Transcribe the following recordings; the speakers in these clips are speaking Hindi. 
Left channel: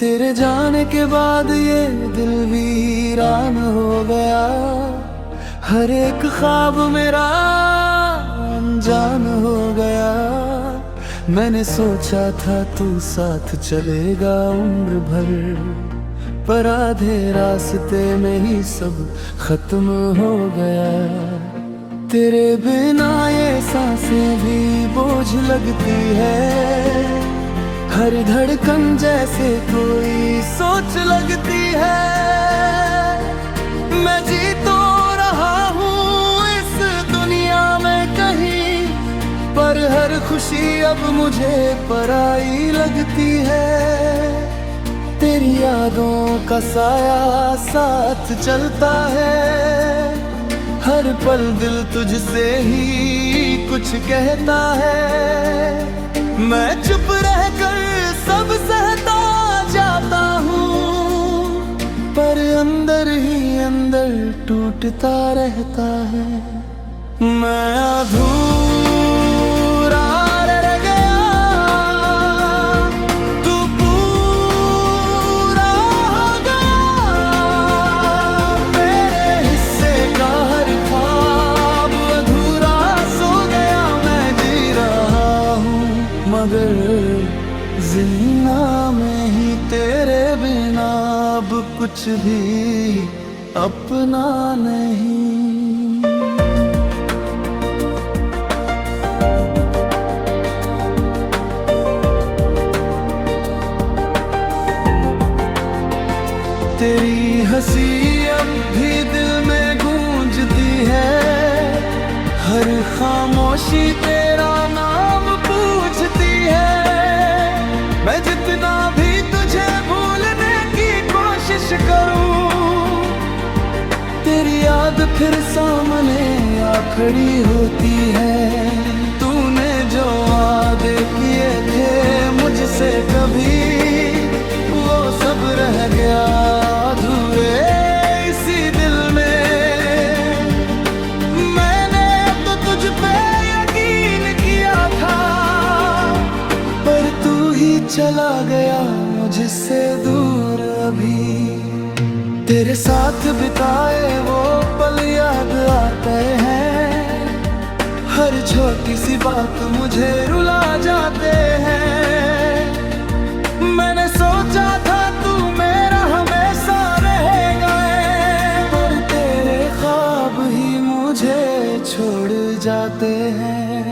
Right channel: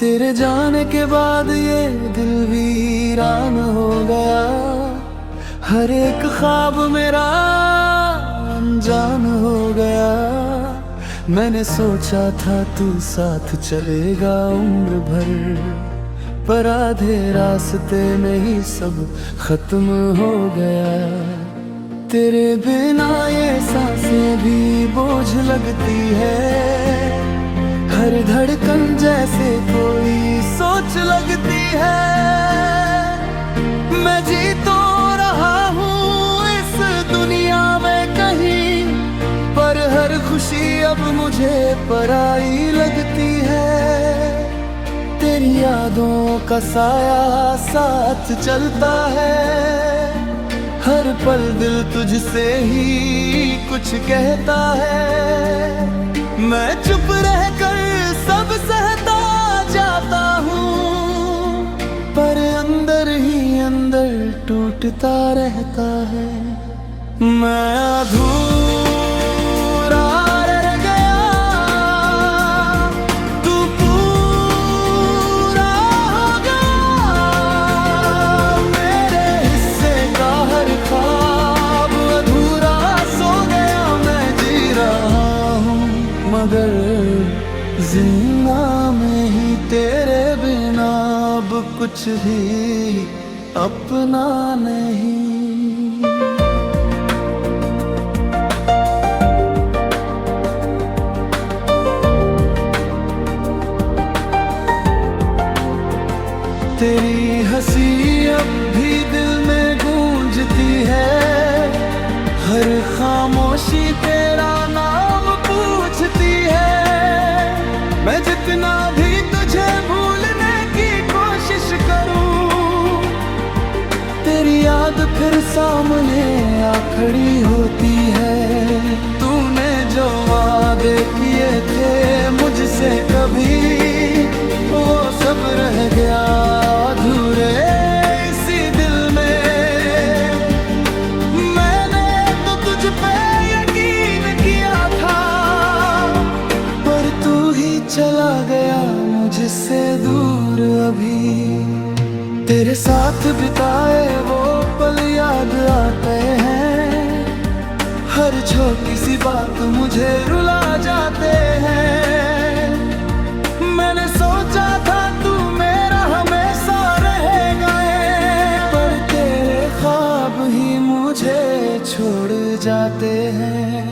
तेरे जाने के बाद ये दिल वीरान हो गया। हर एक ख्वाब मेरा अनजान हो गया। मैंने सोचा था तू साथ चलेगा उम्र भर, पर आधे रास्ते में ही सब खत्म हो गया। तेरे बिना ये सांसें भी बोझ लगती है। हर धड़कन जैसे कोई सोच लगती है। मैं जी तो रहा हूँ इस दुनिया में कहीं, पर हर खुशी अब मुझे पराई लगती है। तेरी यादों का साया साथ चलता है। हर पल दिल तुझसे ही कुछ कहता है। मैं चुप रहकर सब सहता जाता हूँ, पर अंदर ही अंदर टूटता रहता है। मैं अधूरा रह गया, तू पूरा हो गया। मेरे हिस्से का हर ख्वाब अधूरा सो गया। मैं जी रहा हूँ मगर जिंदा में ही, तेरे बिना अब कुछ भी अपना नहीं। तेरी हंसी अब भी दिल में गूंजती है। हर खामोशी तेरा नाम पूछती है। मैं जितना भी तुझे भूलने की कोशिश करूं, तेरी याद फिर सामने आ खड़ी होती है। तूने जो वादे किए थे मुझसे कभी, वो सब रह गया अधूरे इसी दिल में। मैंने तो तुझ पे यकीन किया था, पर तू ही चला गया मुझसे दूर अभी। तेरे साथ बिताए वो पल याद आते हैं। हर छोटी सी बात मुझे रुला जाते हैं। मैंने सोचा था तू मेरा हमेशा रहेगा, पर तेरे ख्वाब ही मुझे छोड़ जाते हैं।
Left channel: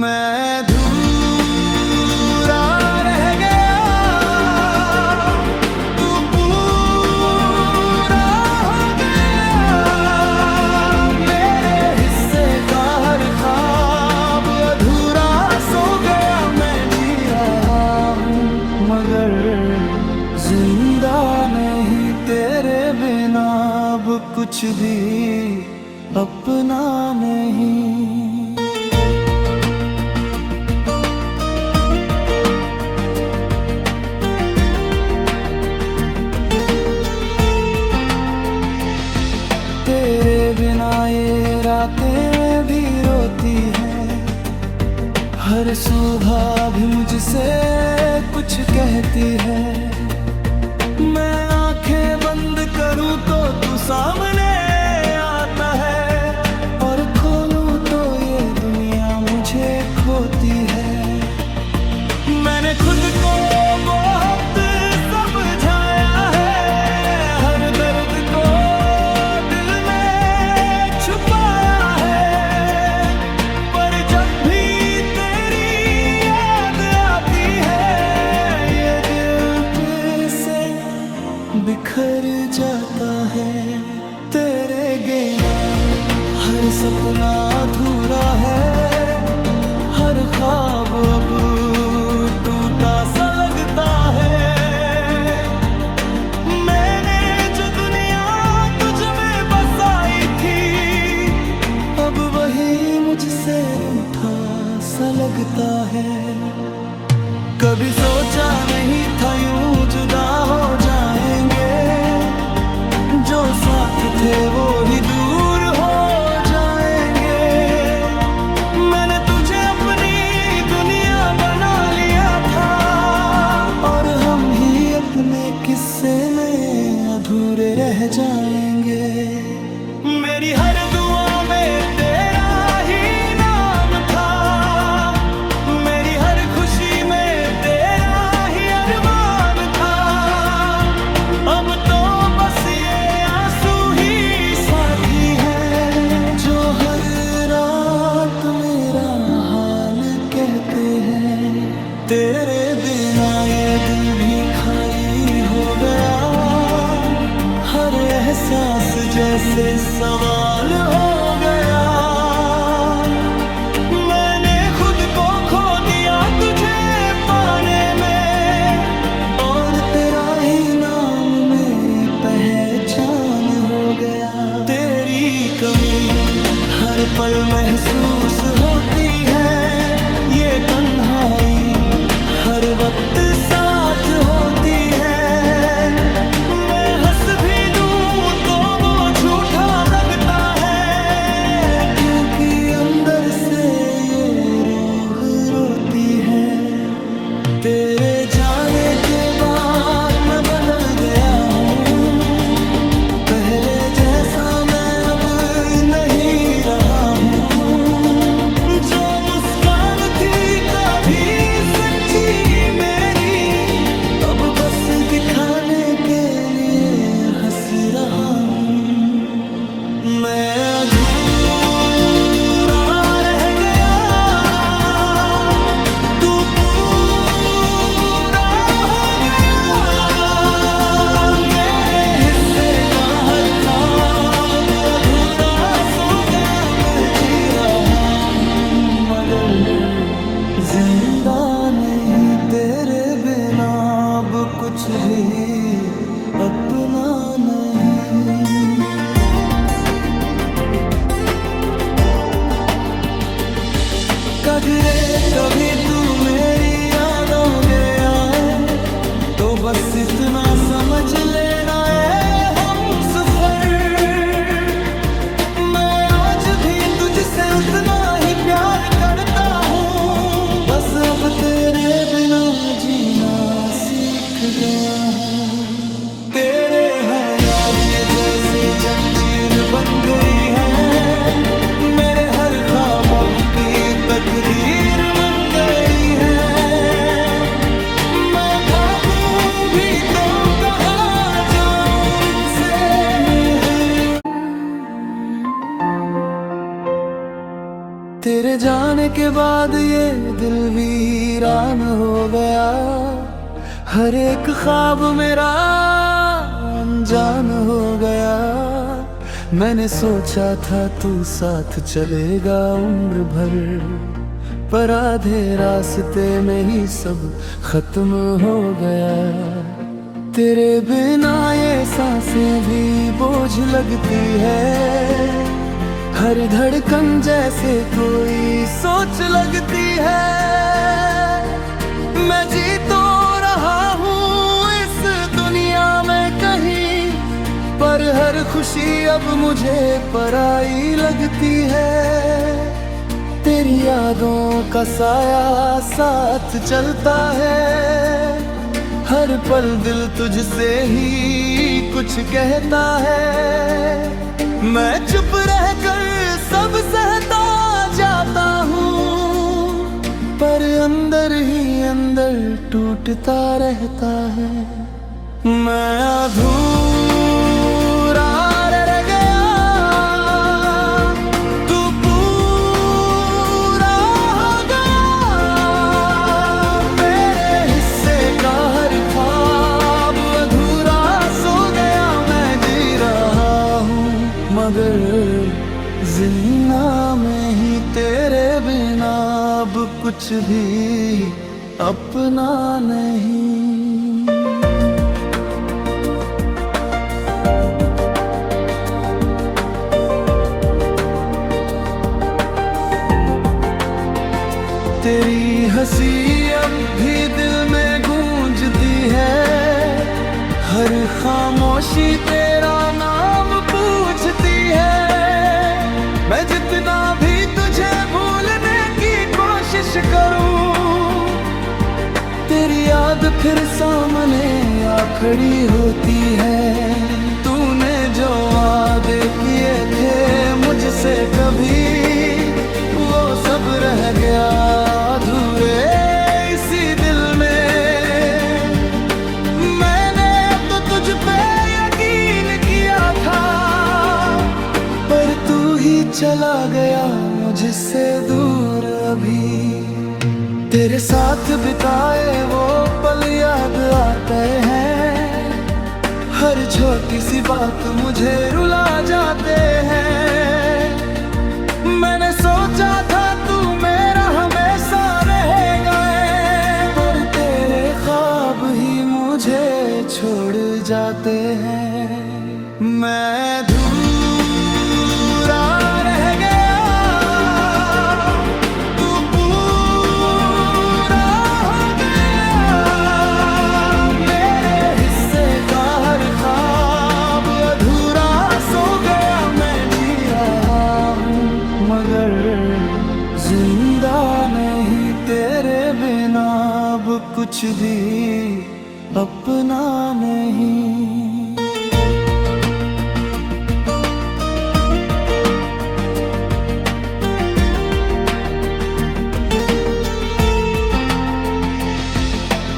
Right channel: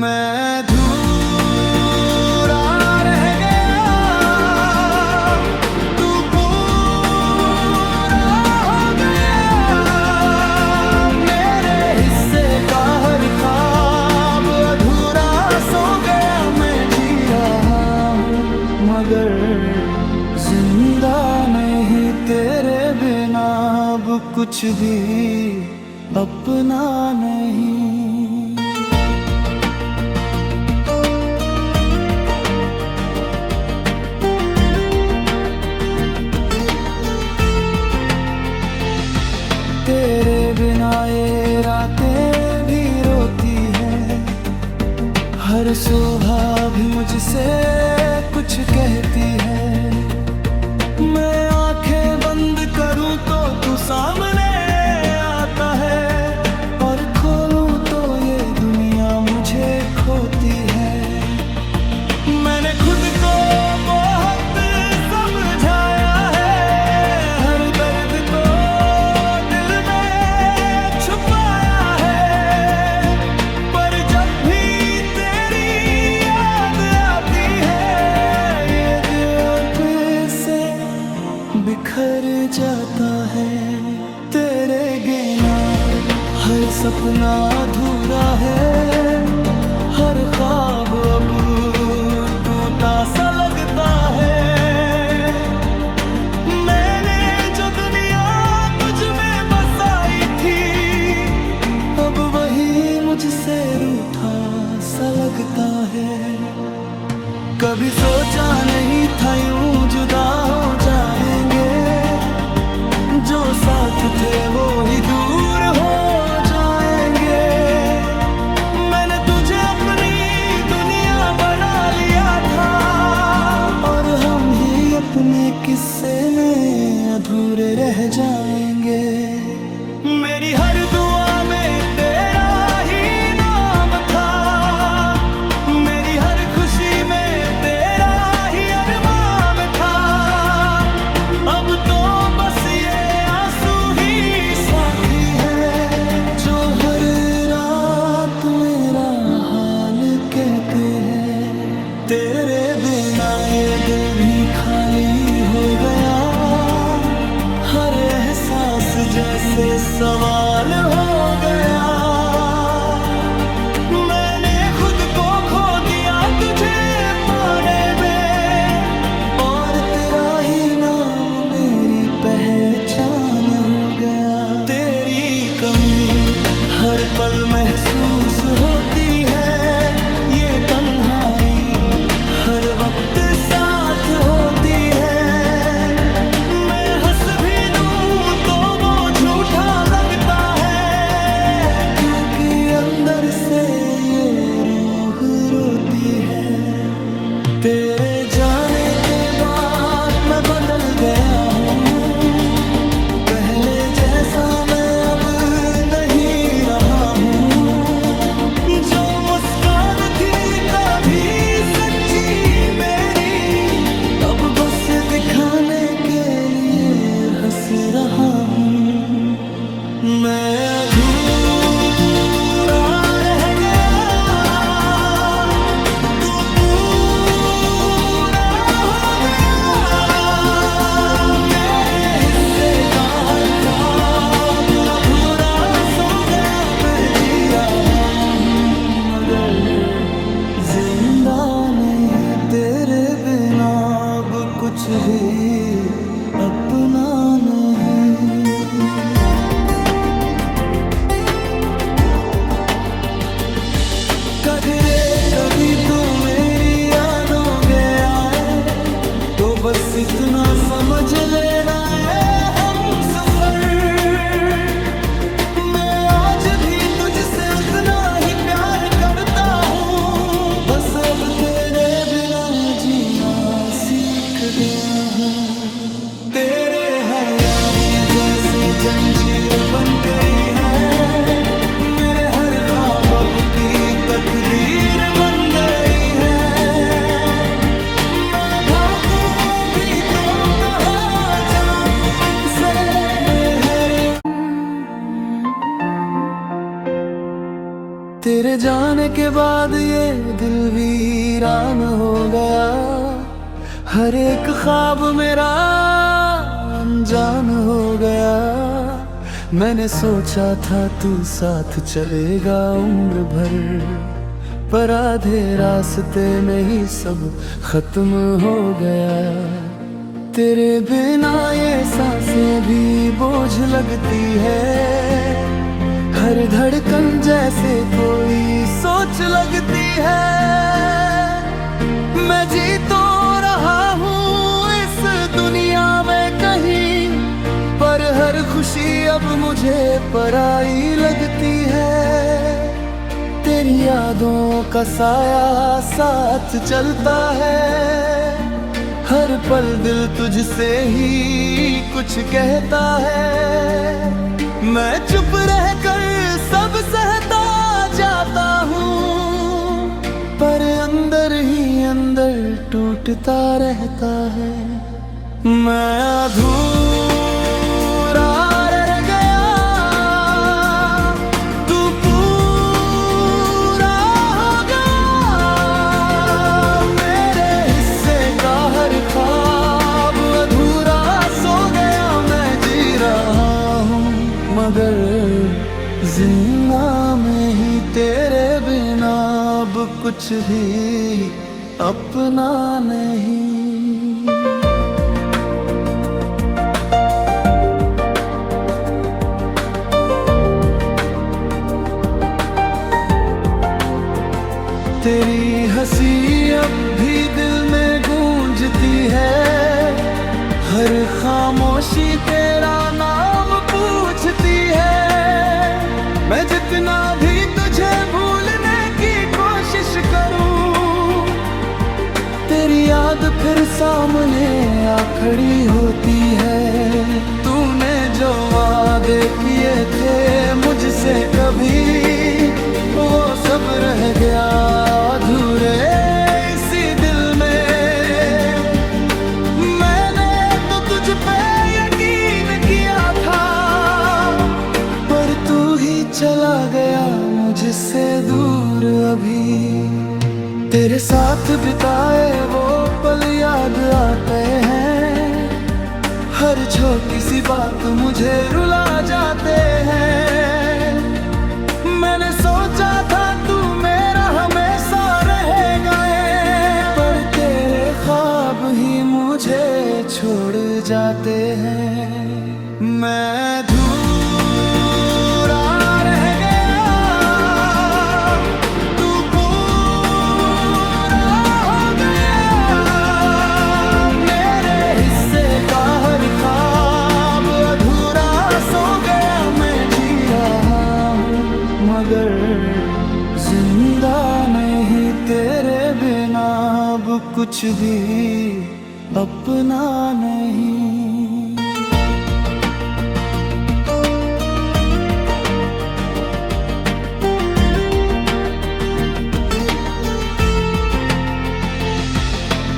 मैं रह गया, तू पूरा हो गया। मेरे हिस्से का हर ख्वाब अधूरा सो गया। मैं जी रहा हूँ मगर जिंदा नहीं, तेरे बिना अब कुछ भी अपना नहीं। तेरे बिना ये रातें भी रोती हैं। हर सुबह भी मुझसे कुछ कहती है। मैं आंखें बंद करूं तो तू सामने आता है, और खोलूं तो ये दुनिया मुझे खोती है। मैंने खुद को बहुत समझाया है। हर दर्द को छुपाया है, पर जब भी तेरी याद आती है, ये दिल फिर से बिखर जाता है। तेरे बिना हर सपना अधूरा है। हर ख्वाब अब टूटा सा लगता है। मैंने जो दुनिया तुझ में बसाई थी, अब वही मुझसे रूठा सा लगता है। कभी सोचा नहीं था यूं जुदा हो जाएंगे। जो साथ थे वो ही दूर हो जाएंगे। मैंने तुझे अपनी दुनिया बना लिया था, और हम ही अपने किस्से में अधूरे रह जाएंगे। मेरी हर दुआ में तेरा ही नाम था, मेरी हर खुशी में तेरा ही अरमान था। अब तो बस ये आंसू ही साथी है, जो हर रात मेरा हाल कहते हैं। तेरे बिना ये दिल भी खाली हो गया, हर एहसास जैसे सवाल हो गया। मैंने खुद को खो दिया तुझे पाने में, और तेरा ही नाम मेरी पहचान हो गया। तेरी कमी हर पल महसूस होती है, ये तन्हाई हर वक्त साथ होती है। मैं हंस भी दूं तो वो झूठा लगता है, क्योंकि अंदर से ये रूह रोती है। तेरे जाने के बाद मैं बदल गया हूँ, पहले जैसा मैं अब नहीं रहा हूँ। जो मुस्कान थी कभी सच्ची मेरी, अब बस दिखाने के लिए हंस रहा हूँ। मैं अधूरा रह गया, तू पूरा हो गया। मेरे हिस्से का हर ख्वाब अधूरा सो गया। मैं जी रहा हूँ मगर जिंदा नहीं, तेरे बिना अब कुछ भी अपना नहीं। कगरे कभी तू मेरी यादों गया है, तो बस इतना समझ लेना है हम सफर। मैं आज भी तुझसे उतना ही प्यार करता हूँ, बस अब तेरे बिना जीना सीख गया है। तेरे है यादें जैसे जंजीर बन गई है, मेरे हर ख्वाब अब की तकदीर बन गई है। मैं भागूं भी तो कहाँ जाऊं इनसे, तेरे जाने के बाद ये दिल वीरान हो गया। हर एक ख्वाब मेरा अनजान हो गया। मैंने सोचा था तू साथ चलेगा उम्र भर, पर आधे रास्ते में ही सब खत्म हो गया। तेरे बिना ये सांसें भी बोझ लगती है, हर धड़कन जैसे कोई सोच लगती है। मैं जी तो रहा हूँ इस दुनिया में कहीं, पर हर खुशी अब मुझे पराई लगती है। तेरी यादों का साया साथ चलता है, हर पल दिल तुझसे ही कुछ कहता है। मैं चुप रहकर सब सहता जाता हूँ, पर अंदर ही अंदर टूटता रहता है। मैं अधूरा रह गया, तू पूरा हो गया। मेरे हिस्से का हर ख्वाब अधूरा सो गया। मैं जी रहा हूँ मगर जिंदा में ही, तेरे बिना अब कुछ भी अपना नहीं। तेरी हंसी अब भी दिल में गूंजती है, हर खामोशी तेरा नाम पूछती है। मैं जितना भी तुझे भूलने की कोशिश करूं, तेरी याद याद फिर सामने आ खड़ी होती है। तूने जो वादे किए थे मुझसे कभी, वो सब रह गया अधूरे इसी दिल में। मैंने तो तुझ पे यकीन किया था, पर तू ही चला गया मुझसे दूर अभी। तेरे साथ बिताए वो पल याद आते हैं, हर छोटी सी बात मुझे रुला जाते हैं। मैंने सोचा था तू मेरा हमेशा रहेगा, पर तेरे ख्वाब ही मुझे छोड़ जाते हैं। मैं अधूरा रह गया, तू पूरा हो गया। मेरे हिस्से का हर ख्वाब अधूरा सो गया। मैं जी रहा हूँ मगर जिंदा नहीं, तेरे बिना अब कुछ भी अपना नहीं।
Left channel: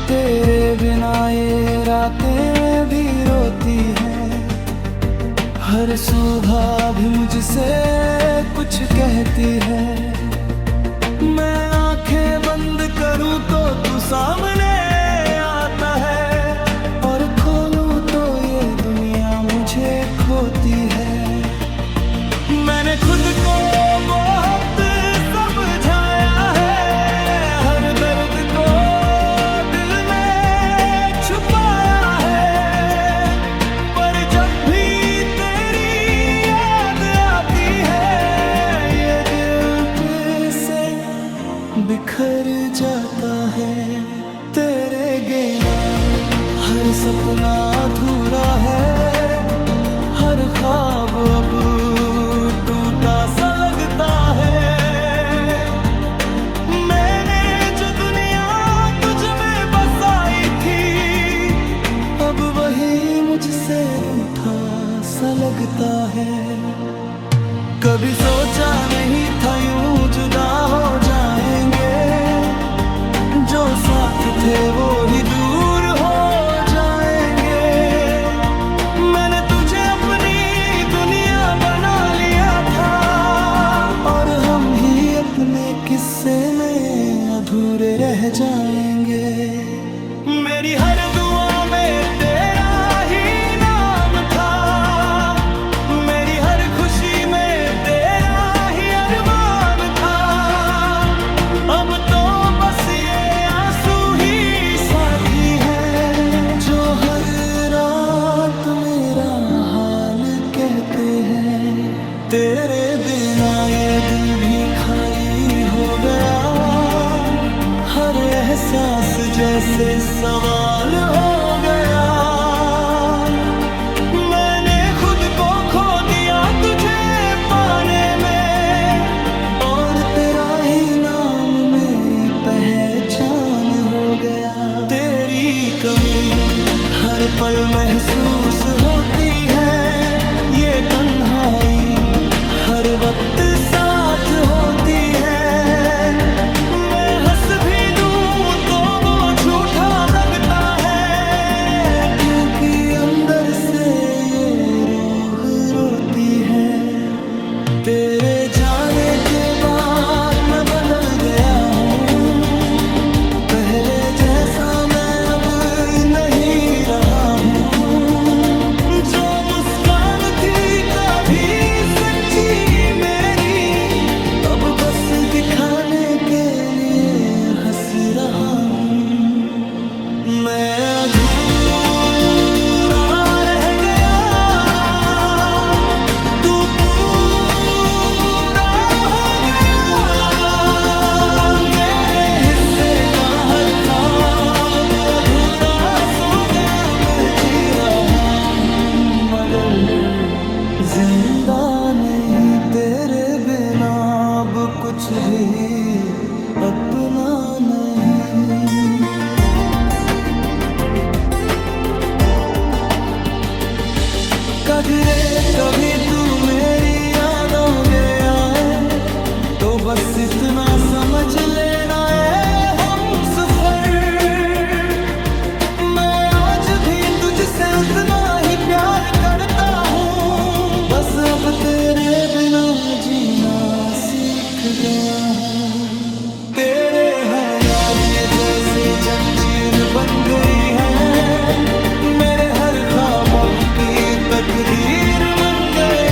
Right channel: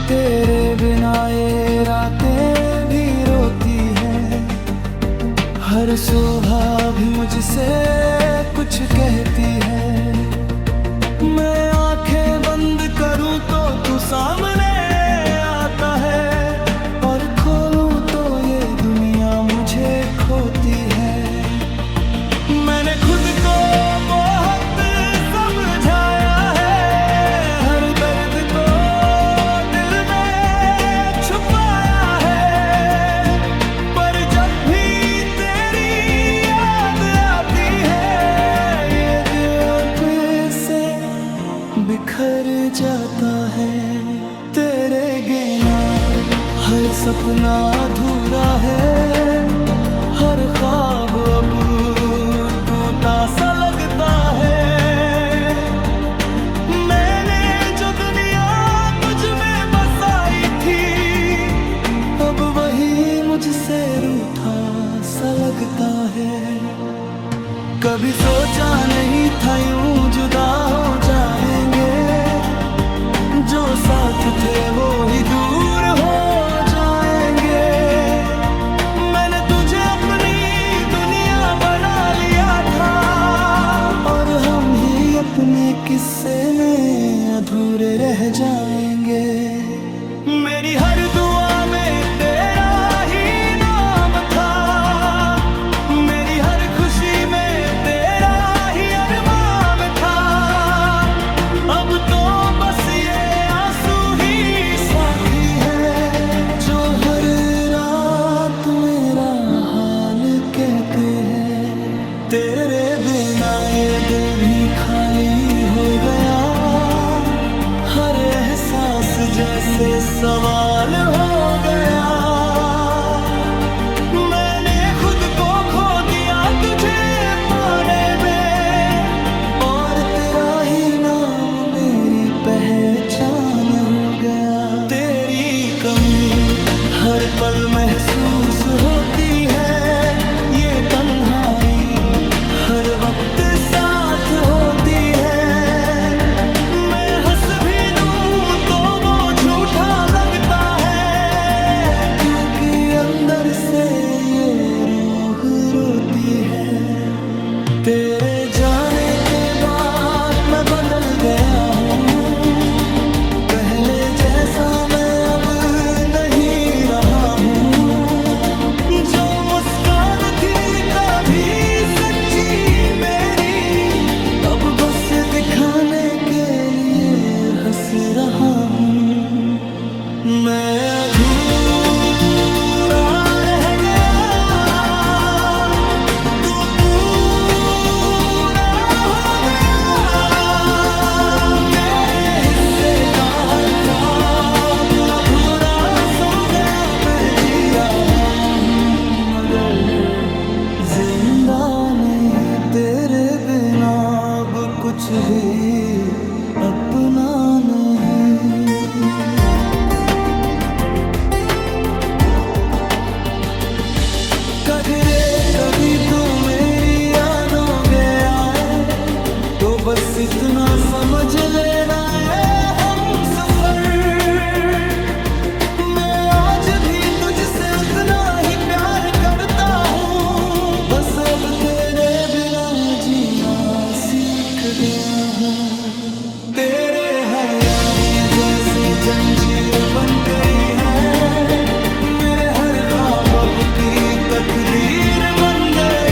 तेरे बिना ये रातें भी रोती हैं, हर सुबह भी मुझसे कुछ कहती है। मैं आंखें बंद करूं तो तू सामने आता है, और खोलूं तो ये दुनिया मुझे खोती है। मैंने खुद को बहुत समझाया है, हर दर्द को दिल में छुपाया है, पर जब भी तेरी याद आती है ये दिल फिर से बिखर जाता है। तेरे बिना हर सपना अधूरा है, हर ख्वाब अब टूटा सा लगता है। मैंने जो दुनिया तुझ में बसाई थी, अब वही मुझसे रूठा सा लगता है। कभी सोचा नहीं था यूं जुदा हो जाएंगे, जो साथ थे वो ही दूर हो जाएंगे। मैंने तुझे अपनी दुनिया बना लिया था, और हम ही अपने किस्से में अधूरे रह जाएंगे। मेरी हर दुआ में तेरा ही नाम था, मेरी हर खुशी में तेरा ही अरमान था। अब तो बस ये आंसू ही साथी है, जो हर रात मेरा हाल कहते हैं। तेरे बिना ये दिल भी खाली हो गया, हर एहसास जैसे सवाल हो गया। मैंने खुद को खो दिया तुझे पाने में, और तेरा ही नाम मेरी पहचान हो गया। तेरी कमी हर पल महसूस होती है, ये तन्हाई हर वक्त साथ होती है। मैं हंस भी दूं तो वो झूठा लगता है, क्योंकि अंदर से ये रूह रोती है। तेरे जाने के बाद मैं बदल गया हूँ, पहले जैसा मैं अब नहीं रहा हूँ। जो मुस्कान थी कभी सच्ची मेरी, अब बस दिखाने के लिए हंस रहा हूँ। मैं अधूरा रह गया, तू पूरा हो गया। मेरे हिस्से का हर ख्वाब अधूरा सो गया। मैं जी रहा हूँ मगर जिंदा नहीं, तेरे बिना अब कुछ भी अपना नहीं। बस इतना समझ लेना है हम सफर, मैं आज भी तुझसे उतना ही प्यार करता हूँ। बस अब तेरे बिना जीना सीख गया हूँ। तेरे यादें जैसे जंजीर बन गई है, मेरे हर ख्वाब अब की तकदीर बन गए।